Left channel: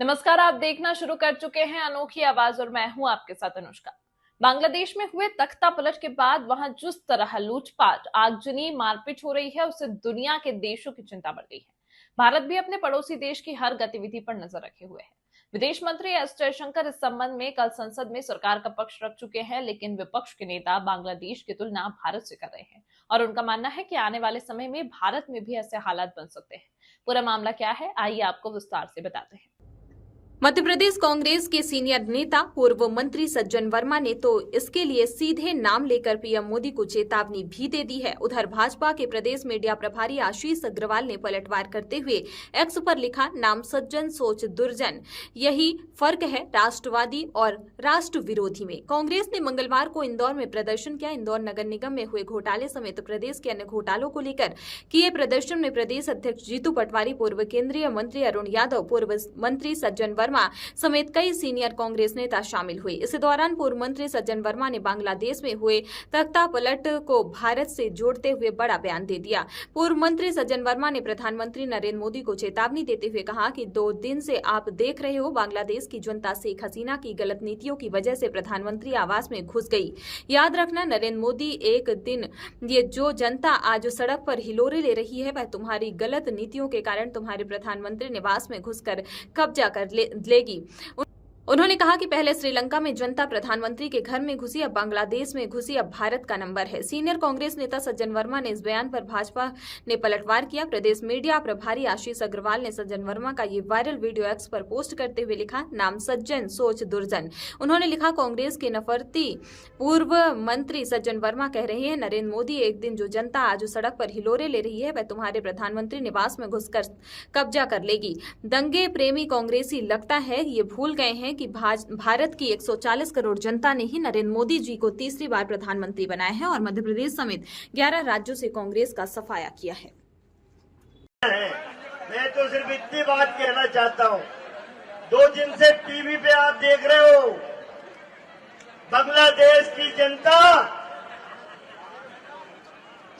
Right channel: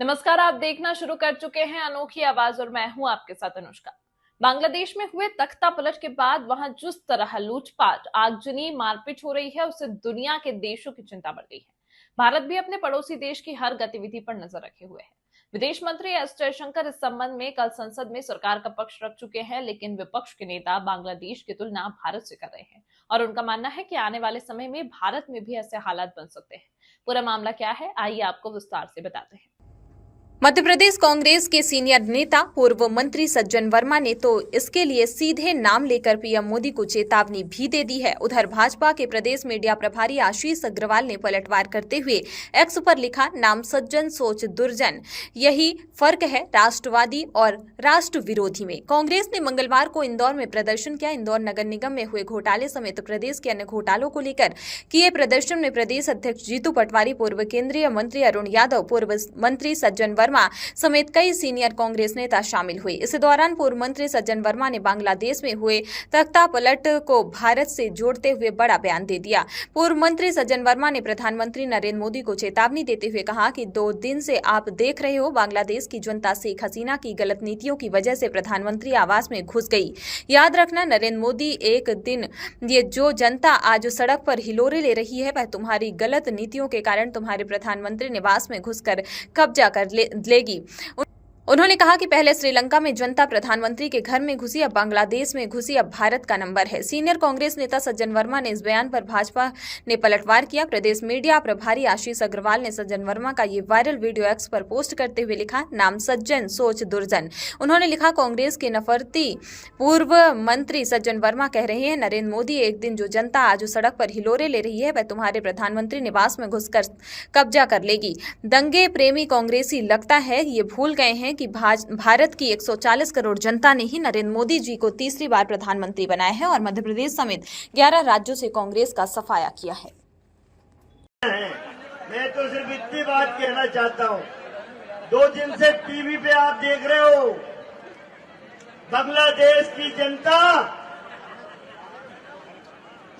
नमस्कार, आप देखना शुरू कर चुके हैं अनोखी आवाज और मैं हूं आपके साथ अनुष्का। बांग्लादेश में हुए तख्ता पलट के बाद वहां जिस तरह लूटपाट, आगजनी, मारपीट हो रही है, उससे दुनिया के देशों की चिंता बढ़ गई है। भारत भी अपने पड़ोसी देश की हर गतिविधि पर नजर रखे हुए है। विदेश मंत्री एस जयशंकर इस संबंध में कल संसद में सरकार का पक्ष रख चुके हैं, लेकिन विपक्ष के नेता बांग्लादेश की तुलना भारत से कर रहे हैं और उनका मानना है कि आने वाले समय में भारत में भी ऐसे हालात बन सकते हैं। पूरा मामला क्या है, आइए आपको विस्तार से बताते हैं। मध्य प्रदेश कांग्रेस के सीनियर नेता पूर्व मंत्री सज्जन वर्मा ने तो इसके लिए सीधे नाम लेकर पीएम मोदी को चेतावनी भी दे दी है। उधर भाजपा के प्रदेश मीडिया प्रभारी आशीष अग्रवाल ने पलटवार करते हुए एक्स पर लिखा, नाम सज्जन सोच दुर्जन, यही फर्क है राष्ट्रवादी और राष्ट्र विरोधी में। कांग्रेस ने मंगलवार को इंदौर में प्रदर्शन किया। इंदौर नगर निगम में हुए घोटाले समेत प्रदेश के अन्य घोटालों को लेकर किए प्रदर्शन में प्रदेश अध्यक्ष जीतू पटवारी, पूर्व केंद्रीय मंत्री अरुण यादव, पूर्व मंत्री सज्जन वर्मा समेत कई सीनियर कांग्रेस नेता शामिल हुए। इस दौरान पूर्व मंत्री सज्जन वर्मा ने बांग्लादेश में हुए तख्ता पलट को भारत से जोड़ते हुए बड़ा बयान दे दिया। पूर्व मंत्री सज्जन वर्मा ने प्रधानमंत्री नरेंद्र मोदी को चेतावनी देते हुए कहा कि 2 दिन से आप देख रहे हो, बांग्लादेश की जनता शेख हसीना की गलत नीतियों की वजह से प्रधानमंत्री आवास में घुस गई। याद रखना नरेंद्र मोदी, एक दिन ये जो जनता आज सड़क पर हिलोरे ले रही है, वह तुम्हारी गलत नीतियों के कारण तुम्हारे प्रधानमंत्री निवास में घुसकर कब्जा कर लेगी। उन्होंने कहा कि पहले श्रीलंका में जनता प्रधानमंत्री के घर में घुसी, अब बांग्लादेश में घुसी, अब भारत का नंबर है। सीनियर कांग्रेस नेता सज्जन वर्मा ने इस बयान पर भाजपा ने पलटवार किया। प्रदेश मीडिया प्रभारी आशीष अग्रवाल ने सज्जन वर्मा का ये वायरल वीडियो एक्स पर पोस्ट करते हुए लिखा, नाम सज्जन सोच दुर्जन। उन्होंने लिखा, कांग्रेस के नफरती पूर्व मंत्री सज्जन वर्मा कह रहे हैं, नरेंद्र मोदी, एक दिन जो जनता आज सड़क पर हिलोरे ले रही है, वह तुम्हारे प्रधानमंत्री निवास में घुसकर कब्जा कर लेगी। दंगे प्रेमी कांग्रेसी लगता है ये भूल गए हैं कि भारत की 140 करोड़ जनता ने ही नरेंद्र मोदी जी को तीसरी बार प्रधानमंत्री बनाया है और मध्य प्रदेश समेत 11 राज्यों से कांग्रेस का सफाया किया है। मैं तो सिर्फ इतनी बात कहना चाहता हूं, 2 दिन से टीवी पे आप देख रहे हो, बांग्लादेश की जनता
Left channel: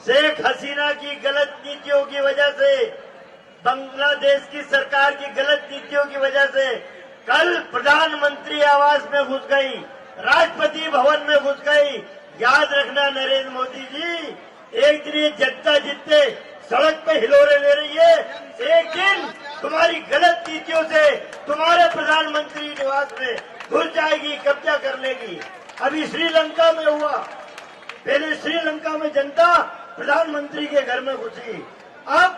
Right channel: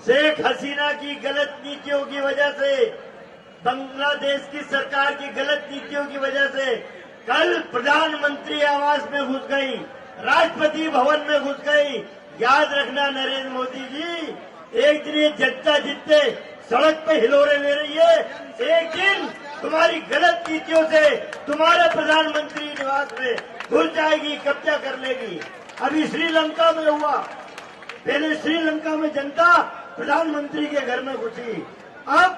शेख हसीना की गलत नीतियों की वजह से, बांग्लादेश की सरकार की गलत नीतियों की वजह से कल प्रधानमंत्री आवास में घुस गई, राष्ट्रपति भवन में घुस गई। याद रखना नरेंद्र मोदी जी, एक दिन ये जनता जितने सड़क पे हिलोरे ले रही है, एक दिन तुम्हारी गलत नीतियों से तुम्हारे प्रधानमंत्री निवास में घुस जाएगी, कब्जा कर लेगी। अभी श्रीलंका में हुआ, पहले श्रीलंका में जनता प्रधानमंत्री के घर में घुसी, अब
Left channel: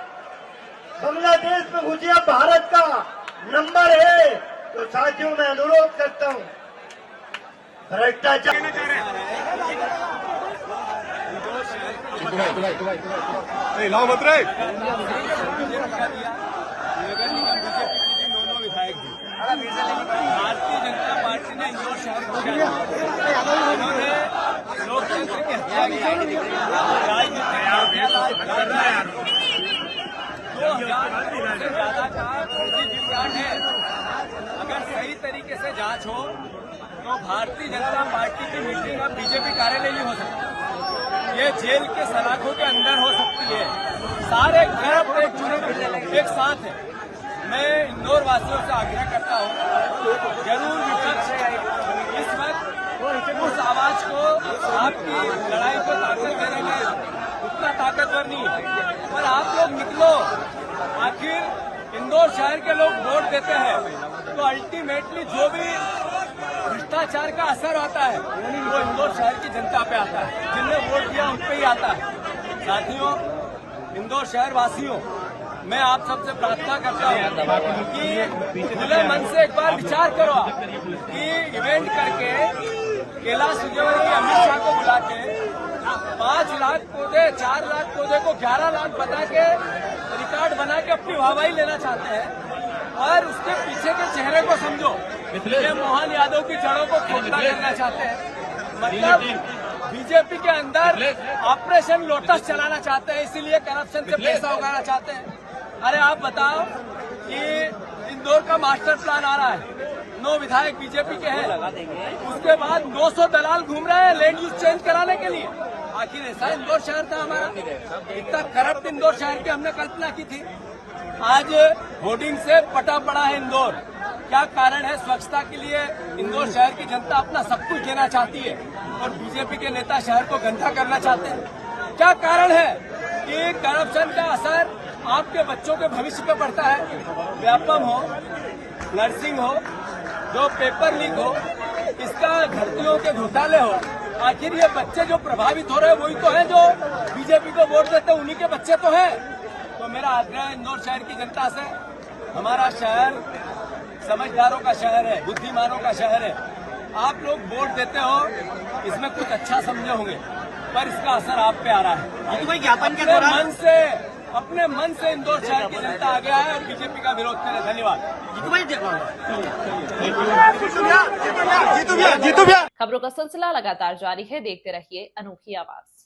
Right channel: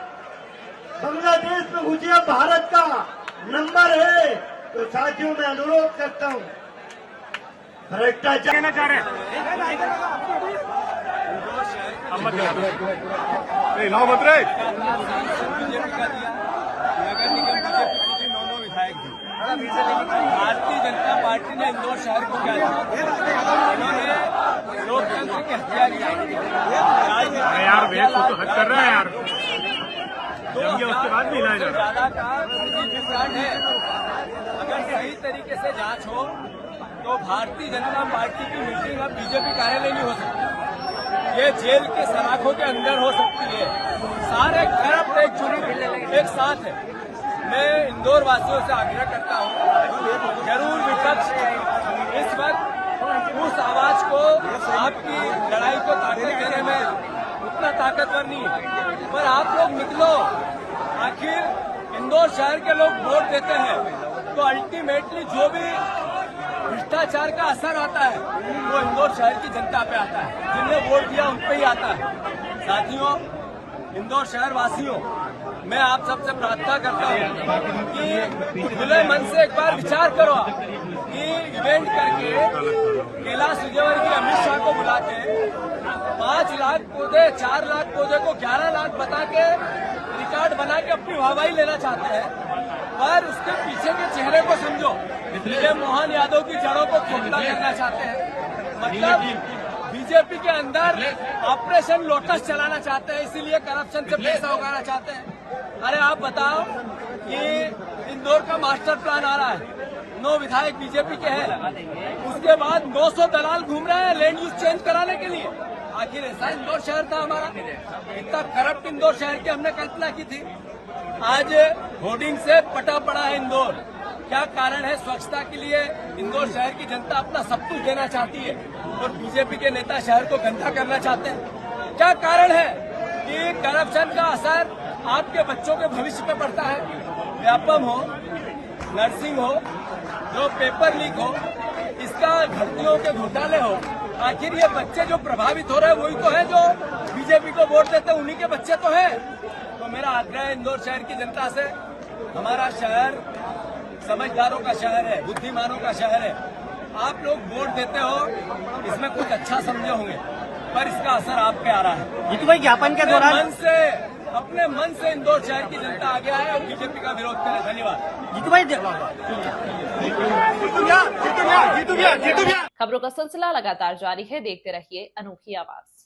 बांग्लादेश में घुसी, अब भारत का नंबर है। तो साथियों, मैं अनुरोध करता हूं, भ्रष्टाचार लाओ मत रे। नगर निगम बीजेपी की 9 विधायक थी। भारतीय जनता पार्टी ने इंदौर शहर को क्या किया? इन्होंने लोकतंत्र की हत्या की, राजनीतिक 2000 करोड़ से ज्यादा का विकास है। अगर सही तरीके से जांच हो तो भारतीय जनता पार्टी की मीटिंग अब बीजेपी कार्यालय नहीं हो सकती, ये जेल के सलाखों के अंदर हो सकती है। सारे करप्ट एक साथ है। मैं इंदौर वासियों से आग्रह करता हूं, जरूर विपक्ष इस वक्त उस आवाज को, आपकी लड़ाई को ताकत देने में उतना ताकतवर नहीं है, पर आप लोग निकलो। आखिर इंदौर शहर के लोग वोट देते हैं तो अल्टीमेटली जो भी भ्रष्टाचार का असर आता है वो इंदौर शहर की जनता पे आता है, जिनने वोट दिया उन पे ही आता है। साथियों, इंदौर शहर वासियों, मैं आप सबसे प्रार्थना करता हूं कि खुले मन से एक बार विचार करो कि इवेंट करके कैलाश विजयवर्गीय अमित शाह को बुला के 5 लाख पौधे, 4 लाख पौधे को 11 लाख बता के रिकॉर्ड बना के अपनी वाहवाही लेना चाहते हैं और उसके पीछे के चेहरे को समझो, ये मोहन यादव की जड़ों को खोखला करना चाहते हैं। मतलब बीजेपी के अंदर ऑपरेशन लोटस चलाना चाहते हैं, इसीलिए करप्शन से पैसा उगाना चाहते हैं। अरे आप बताओ कि इंदौर का मास्टर प्लान आ रहा है, 9 विधायक बीजेपी के हैं, उसके बाद 900 दलाल घूम रहे हैं लैंड यूज चेंज कराने के लिए। आखिर ऐसा इंदौर शहर था हमारा? इतना करप्ट इंदौर शहर की हमने कल्पना की थी? आज होर्डिंग से पटा पड़ा है इंदौर। क्या कारण है? स्वच्छता के लिए इंदौर शहर की जनता अपना सब कुछ देना चाहती है और बीजेपी के नेता शहर को गंदा करना चाहते हैं। क्या कारण है कि करप्शन का असर आपके बच्चों के भविष्य पे पड़ता है? व्यापम हो, नर्सिंग हो, जो पेपर लीक हो, इसका भर्तियों के घोटाले हो, आखिर ये बच्चे जो प्रभावित हो रहे हैं वही तो है जो बीजेपी को वोट देते हैं, उन्हीं के बच्चे तो हैं। तो मेरा आग्रह है इंदौर शहर की जनता से, हमारा शहर समझदारों का शहर है, बुद्धिमानों का शहर है। आप लोग वोट देते हो, इसमें कुछ अच्छा समझे होंगे, पर इसका असर आप पे आ रहा है। ज्ञापन के अपने मन से इंदौर शहर की जनता आगे आए और बीजेपी का विरोध करे। धन्यवाद। खबरों का सिलसिला लगातार जारी है, देखते रहिए अनोखी आवाज।